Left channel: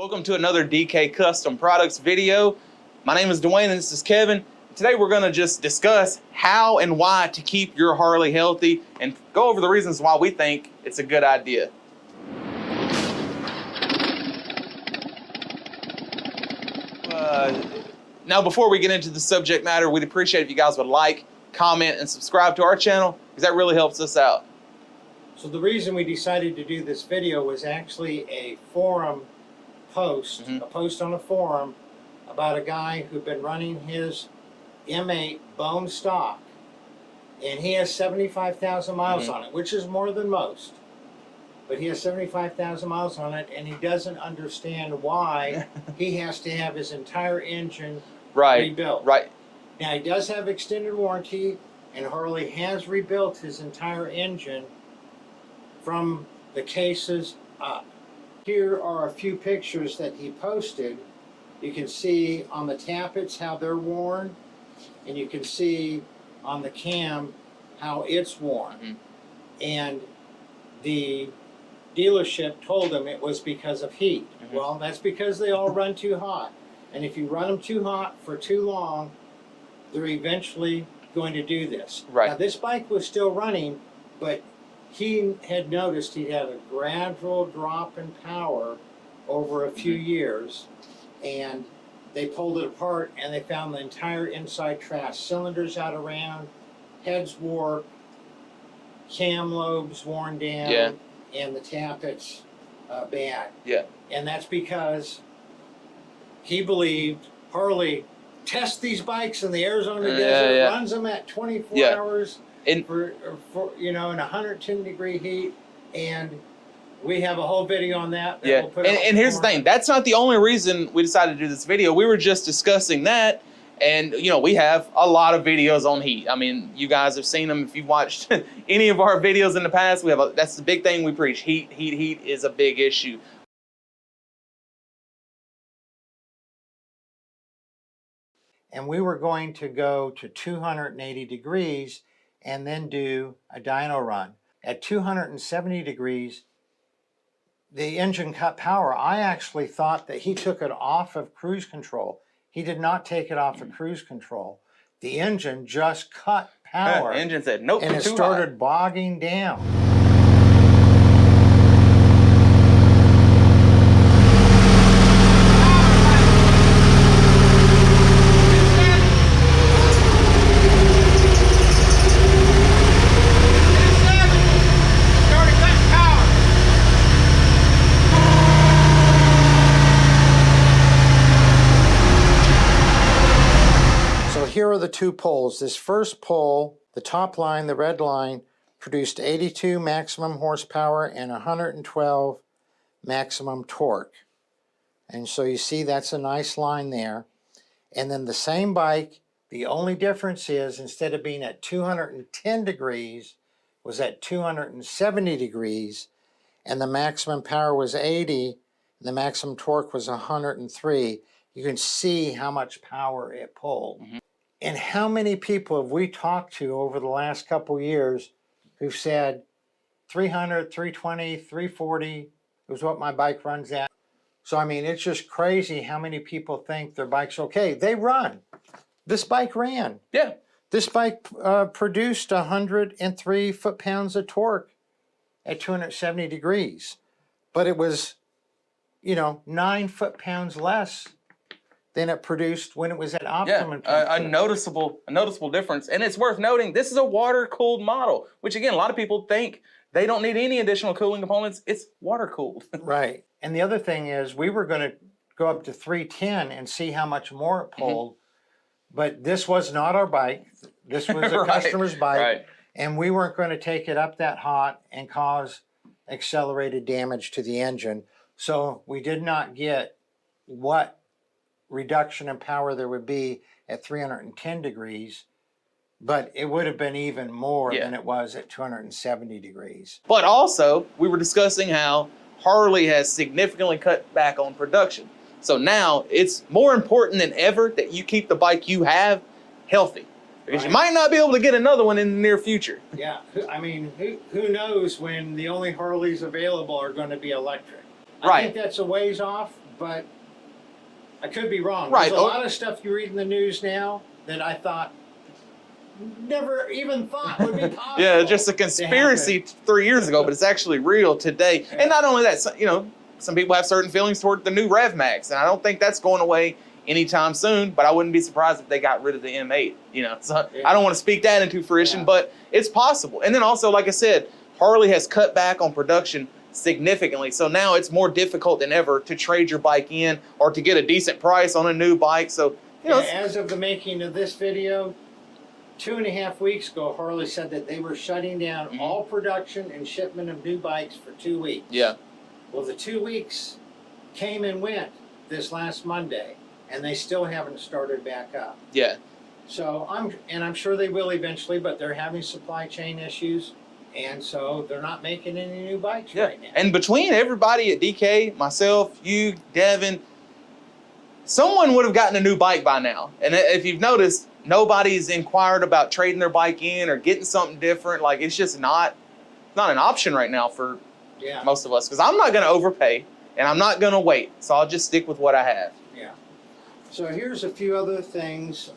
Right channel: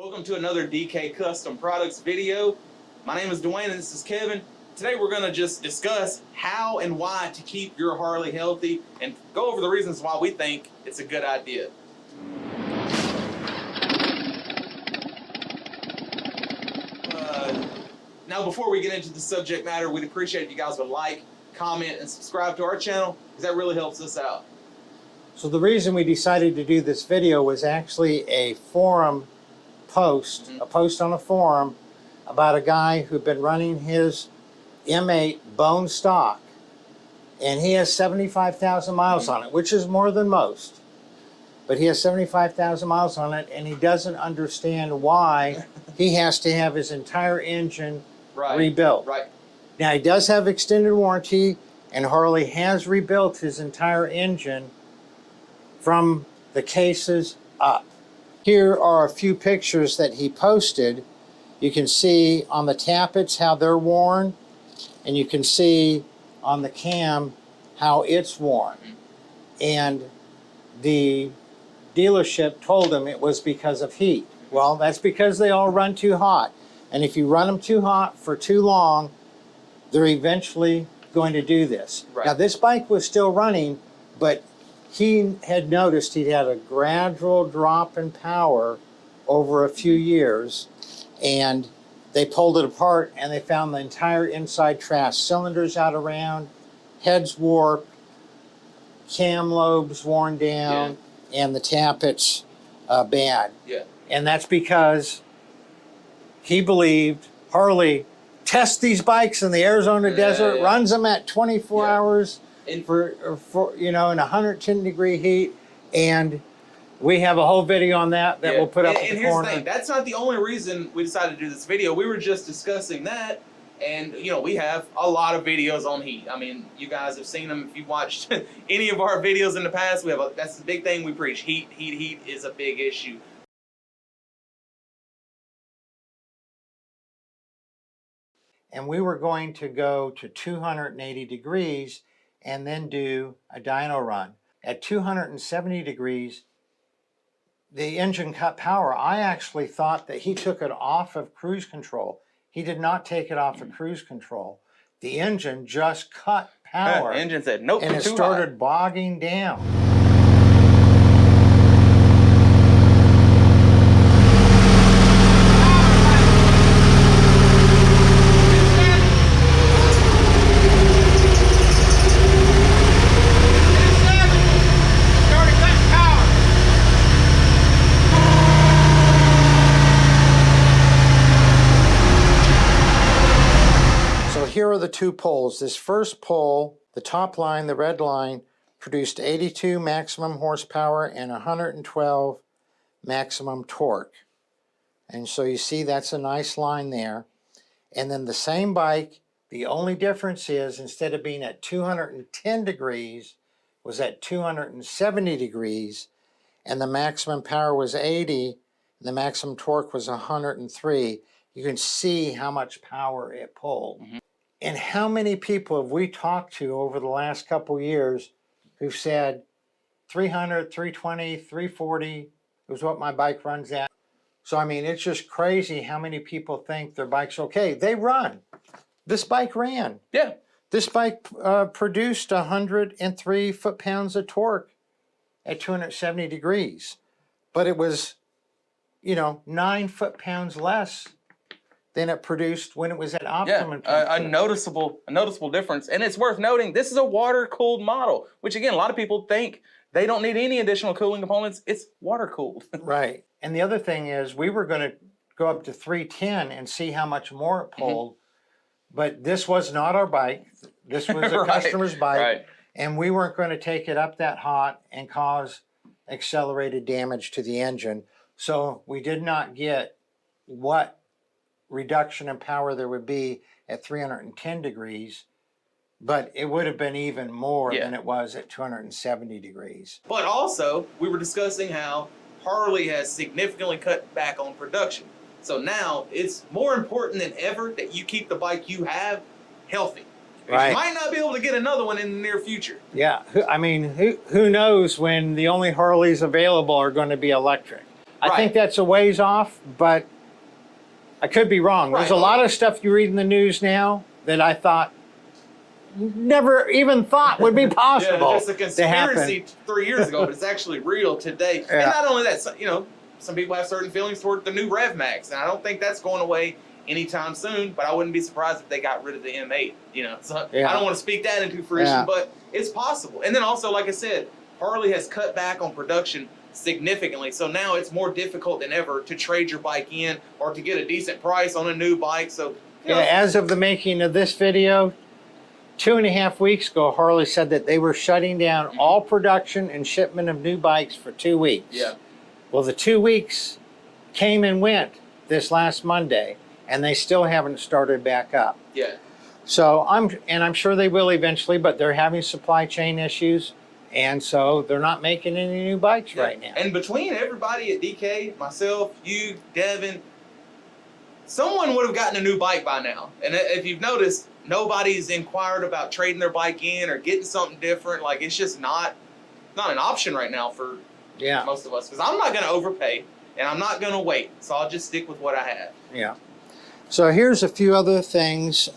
Welcome to another DK Custom Products video. My name is Dwayne and this is Kevin. Today we're going to just discuss how and why to keep your Harley healthy and go over the reasons why we think it's a good idea. Now before we get into the subject matter, we'd appreciate if you guys would like, comment, and subscribe to our channel because that really helps us out. So the reason we decided to do this video was actually a forum post, a post on a forum about a guy who'd been running his M8 bone stock, and he has 75,000 miles on it, which is more than most. But he has 75,000 miles on it, and he doesn't understand why he has to have his entire engine rebuilt. Right. Now, he does have extended warranty, and Harley has rebuilt his entire engine from the cases up. Here are a few pictures that he posted. You can see on the tappets how they're worn, and you can see on the cam how it's worn. And the dealership told him it was because of heat. Well, that's because they all run too hot. And if you run them too hot for too long, they're eventually going to do this. Now, this bike was still running, but he had noticed he had a gradual drop in power over a few years, and they pulled it apart and they found the entire inside trash. Cylinders out around, heads warped, cam lobes worn down, and the tappets bad. And that's because he believed Harley tests these bikes in the Arizona desert, runs them at 24 hours for in 110 degree heat, and we have a whole video on that we'll put up. And here's the thing, that's not the only reason we decided to do this video. We were just discussing that, and we have a lot of videos on heat. I mean, you guys have seen them if you've watched any of our videos in the past. We have that's the big thing we preach. Heat is a big issue. And we were going to go to 280 degrees and then do a dyno run. At 270 degrees, the engine cut power. I actually thought that he took it off of cruise control. He did not take it off of cruise control. The engine just cut power. The engine said, nope, and it started bogging down. Here are the two poles. This first pole, the top line, the red line, produced 82 maximum horsepower and 112 maximum torque. And so you see that's a nice line there. And then the same bike, the only difference is instead of being at 210 degrees, was at 270 degrees, and the maximum power was 80, and the maximum torque was 103. You can see how much power it pulled. And how many people have we talked to over the last couple years who've said 300, 320, 340 is what my bike runs at? So, I mean, it's just crazy how many people think their bike's okay. They run. This bike ran. Yeah. This bike produced 103 foot-pounds of torque at 270 degrees. But it was, 9 foot-pounds less than it produced when it was at optimum. A noticeable difference. And it's worth noting, this is a water-cooled model, which again, a lot of people think they don't need any additional cooling components. It's water-cooled. Right. And the other thing is, we were going to go up to 310 and see how much more it pulled, but this was not our bike. This was a customer's bike, and we weren't going to take it up that hot and cause accelerated damage to the engine. So we did not get what reduction in power there would be at 310 degrees, but it would have been even more than it was at 270 degrees. But also, we were discussing how Harley has significantly cut back on production. So now it's more important than ever that you keep the bike you have healthy. Because you might not be able to get another one in the near future. Yeah, I mean, who knows when the only Harleys available are going to be electric. I think that's a ways off, but I could be wrong. Right. There's a lot of stuff you read in the news now that I thought never even thought would be possible. Yeah, just a conspiracy 3 years ago, but it's actually real today. Yeah. And not only that, you know, some people have certain feelings toward the new Rev Max, and I don't think that's going away anytime soon, but I wouldn't be surprised if they got rid of the M8, you know. So I don't want to speak that into fruition, but it's possible. And then also, like I said, Harley has cut back on production significantly. So now it's more difficult than ever to trade your bike in or to get a decent price on a new bike. So, you know, as of the making of this video, 2.5 weeks ago, Harley said that they were shutting down all production and shipment of new bikes for 2 weeks. Yeah. Well, the 2 weeks came and went this last Monday, and they still haven't started back up. Yeah. So I'm sure they will eventually, but they're having supply chain issues, and so they're not making any new bikes right now. And between everybody at DK, myself, you, Devin, someone would have gotten a new bike by now. And if you've noticed, nobody's inquired about trading their bike in or getting something different. Like, it's just not an option right now for most of us. Because I'm not going to overpay, and I'm not going to wait. So I'll just stick with what I have. Yeah. So here's a few other things.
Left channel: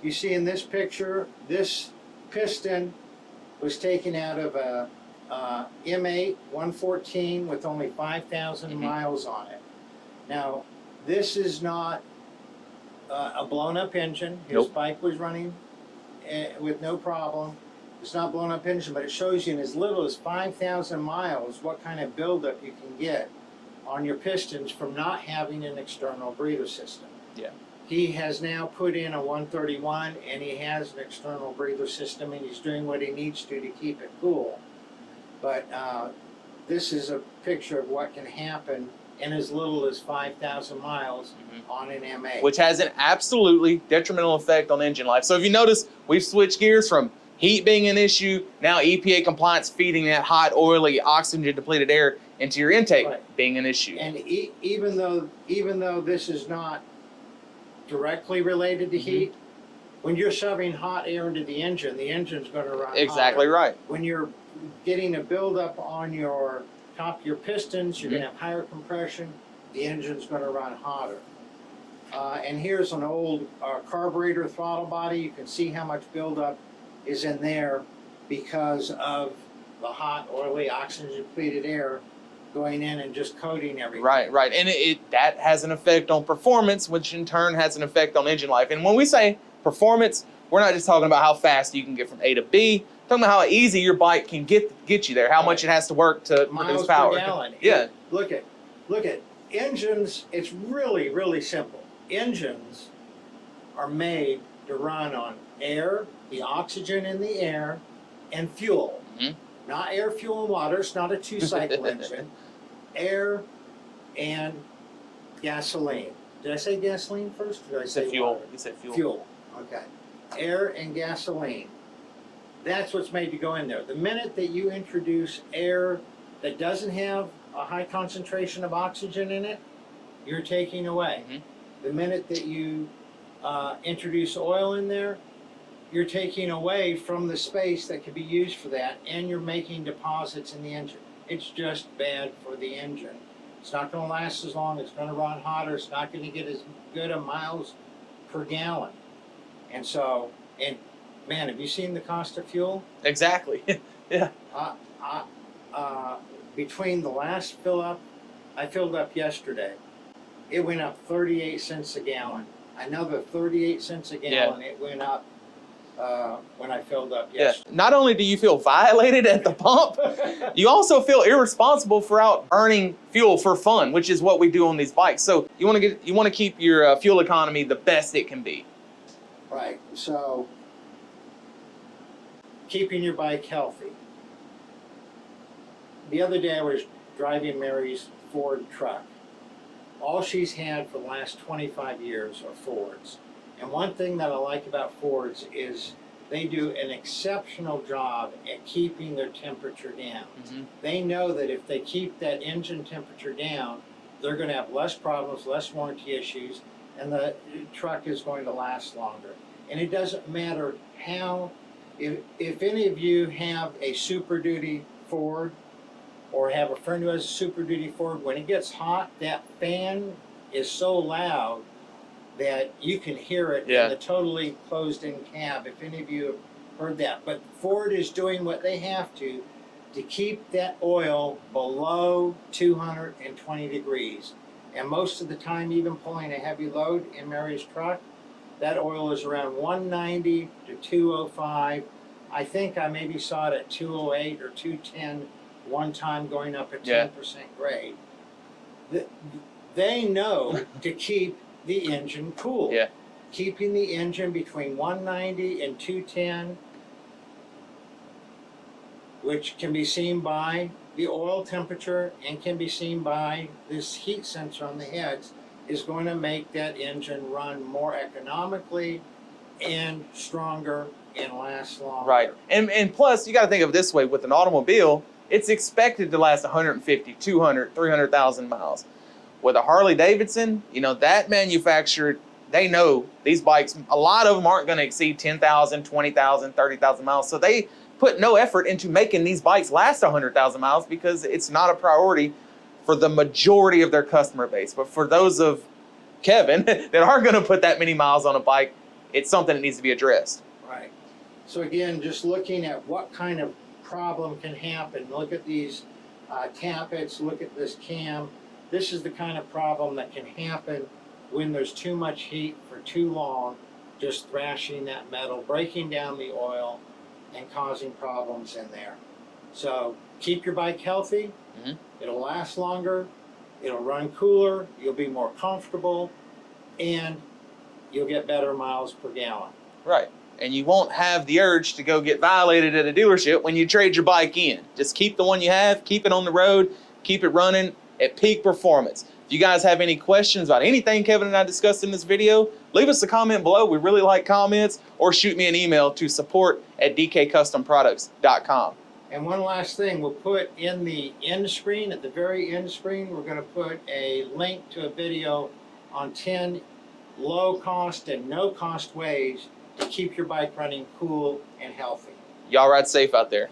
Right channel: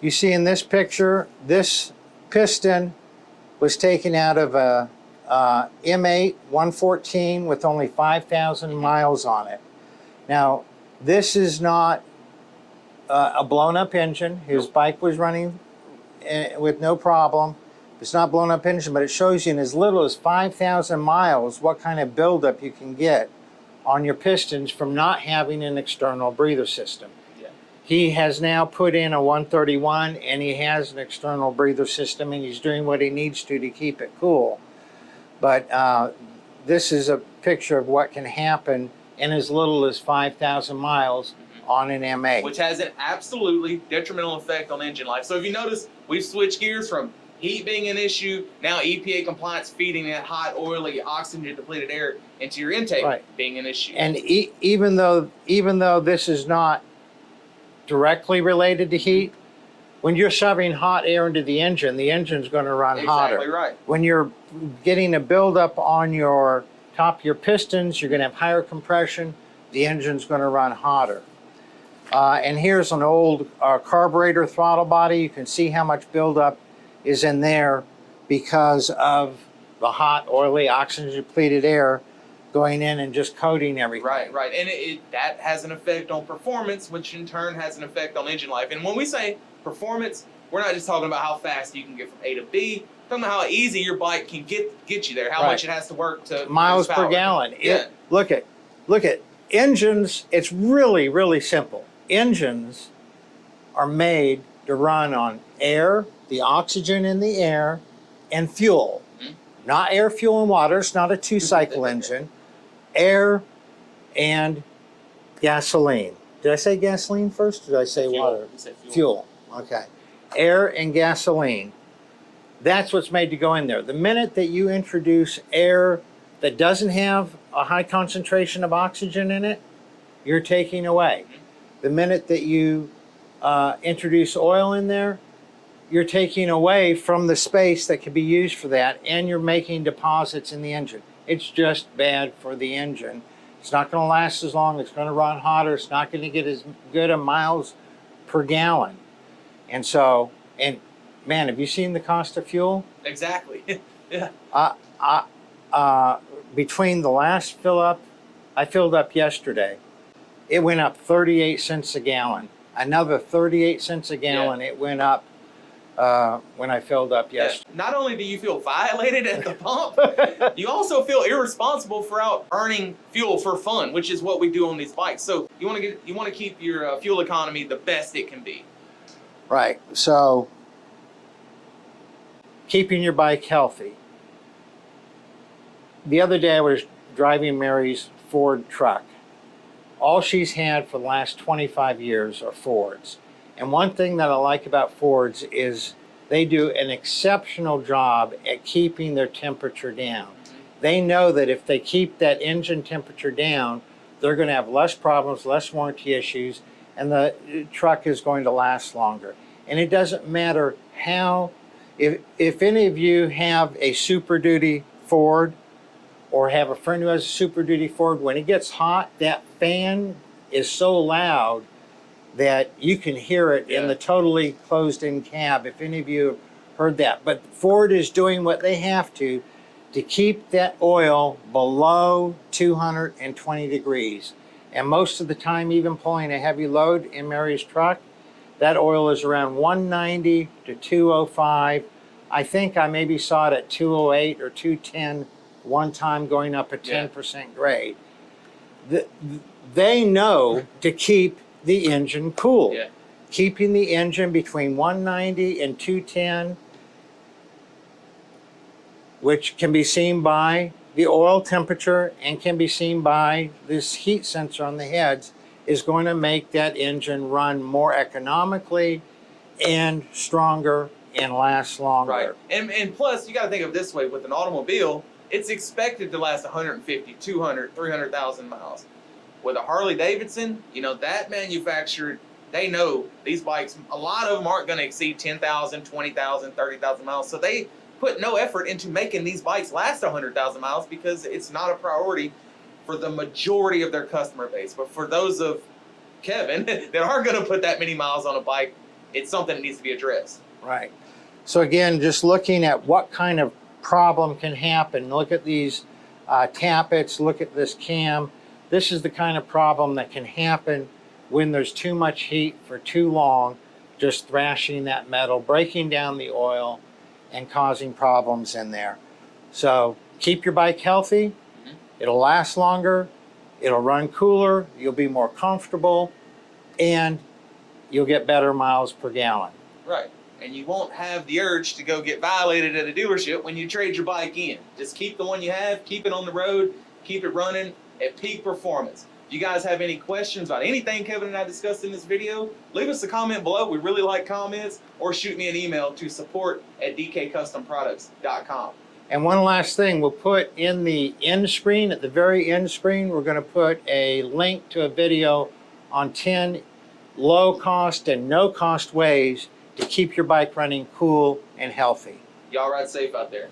You see in this picture, this piston was taken out of a M8 114 with only 5,000 miles on it. Now, this is not a blown-up engine. His bike was running with no problem. It's not blown-up engine, but it shows you in as little as 5,000 miles what kind of buildup you can get on your pistons from not having an external breather system. Yeah. He has now put in a 131, and he has an external breather system, and he's doing what he needs to keep it cool. But this is a picture of what can happen in as little as 5,000 miles on an M8. Which has an absolutely detrimental effect on engine life. So if you notice, we've switched gears from heat being an issue, now EPA compliance feeding that hot, oily, oxygen-depleted air into your intake being an issue. And even though this is not directly related to heat, when you're shoving hot air into the engine's going to run hotter. Exactly right. When you're getting a buildup on your top of your pistons, you're going to have higher compression, the engine's going to run hotter. And here's an old carburetor throttle body. You can see how much buildup is in there because of the hot, oily, oxygen-depleted air going in and just coating everything. Right. And that has an effect on performance, which in turn has an effect on engine life. And when we say performance, we're not just talking about how fast you can get from A to B. We're talking about how easy your bike can get you there, how much it has to work to miles produce power. Per gallon. Yeah. Look at engines. It's really, really simple. Engines are made to run on air, the oxygen in the air, and fuel. Not air, fuel, and water. It's not a two-cycle engine. Air and gasoline. Did I say gasoline first, or did I say water? You said Fuel. Okay. Air and gasoline. That's what's made to go in there. The minute that you introduce air that doesn't have a high concentration of oxygen in it, you're taking away. The minute that you introduce oil in there, you're taking away from the space that could be used for that, and you're making deposits in the engine. It's just bad for the engine. It's not going to last as long. It's going to run hotter. It's not going to get as good a miles per gallon. And so, man, have you seen the cost of fuel? Exactly. Yeah. Between the last fill up, I filled up yesterday. It went up 38 cents a gallon. Another 38 cents a gallon. It went up when I filled up yesterday. Not only do you feel violated at the pump, you also feel irresponsible for out earning fuel for fun, which is what we do on these bikes. So you want to keep your fuel economy the best it can be. Right. So keeping your bike healthy. The other day I was driving Mary's Ford truck. All she's had for the last 25 years are Fords. And one thing that I like about Fords is they do an exceptional job at keeping their temperature down. They know that if they keep that engine temperature down, they're going to have less problems, less warranty issues, and the truck is going to last longer. And it doesn't matter how, if any of you have a Super Duty Ford or have a friend who has a Super Duty Ford, when it gets hot, that fan is so loud that you can hear it in the totally closed-in cab, if any of you have heard that. But Ford is doing what they have to keep that oil below 220 degrees. And most of the time, even pulling a heavy load in Mary's truck, that oil is around 190 to 205. I think I maybe saw it at 208 or 210 one time, going up a 10% grade. They know to keep the engine cool. Yeah. Keeping the engine between 190 and 210, which can be seen by the oil temperature and can be seen by this heat sensor on the heads, is going to make that engine run more economically and stronger and last longer. Right. And plus, you got to think of it this way: with an automobile, it's expected to last 150, 200, 300,000 miles. With a Harley Davidson, you know, that manufacturer, they know these bikes, a lot of them aren't going to exceed 10,000, 20,000, 30,000 miles. So they put no effort into making these bikes last 100,000 miles because it's not a priority for the majority of their customer base. But for those of Kevin that are going to put that many miles on a bike, it's something that needs to be addressed. Right. So again, just looking at what kind of problem can happen. Look at these tappets, look at this cam. This is the kind of problem that can happen when there's too much heat for too long, just thrashing that metal, breaking down the oil, and causing problems in there. So keep your bike healthy. It'll last longer, it'll run cooler, you'll be more comfortable, and you'll get better miles per gallon. Right. And you won't have the urge to go get violated at a dealership when you trade your bike in. Just keep the one you have, keep it on the road, keep it running at peak performance. If you guys have any questions about anything Kevin and I discussed in this video, leave us a comment below. We really like comments, or shoot me an email to support@dkcustomproducts.com. And one last thing, we'll put in the end screen, at the very end screen, we're going to put a link to a video on 10 low-cost and no-cost ways to keep your bike running cool and healthy. Y'all ride safe out there.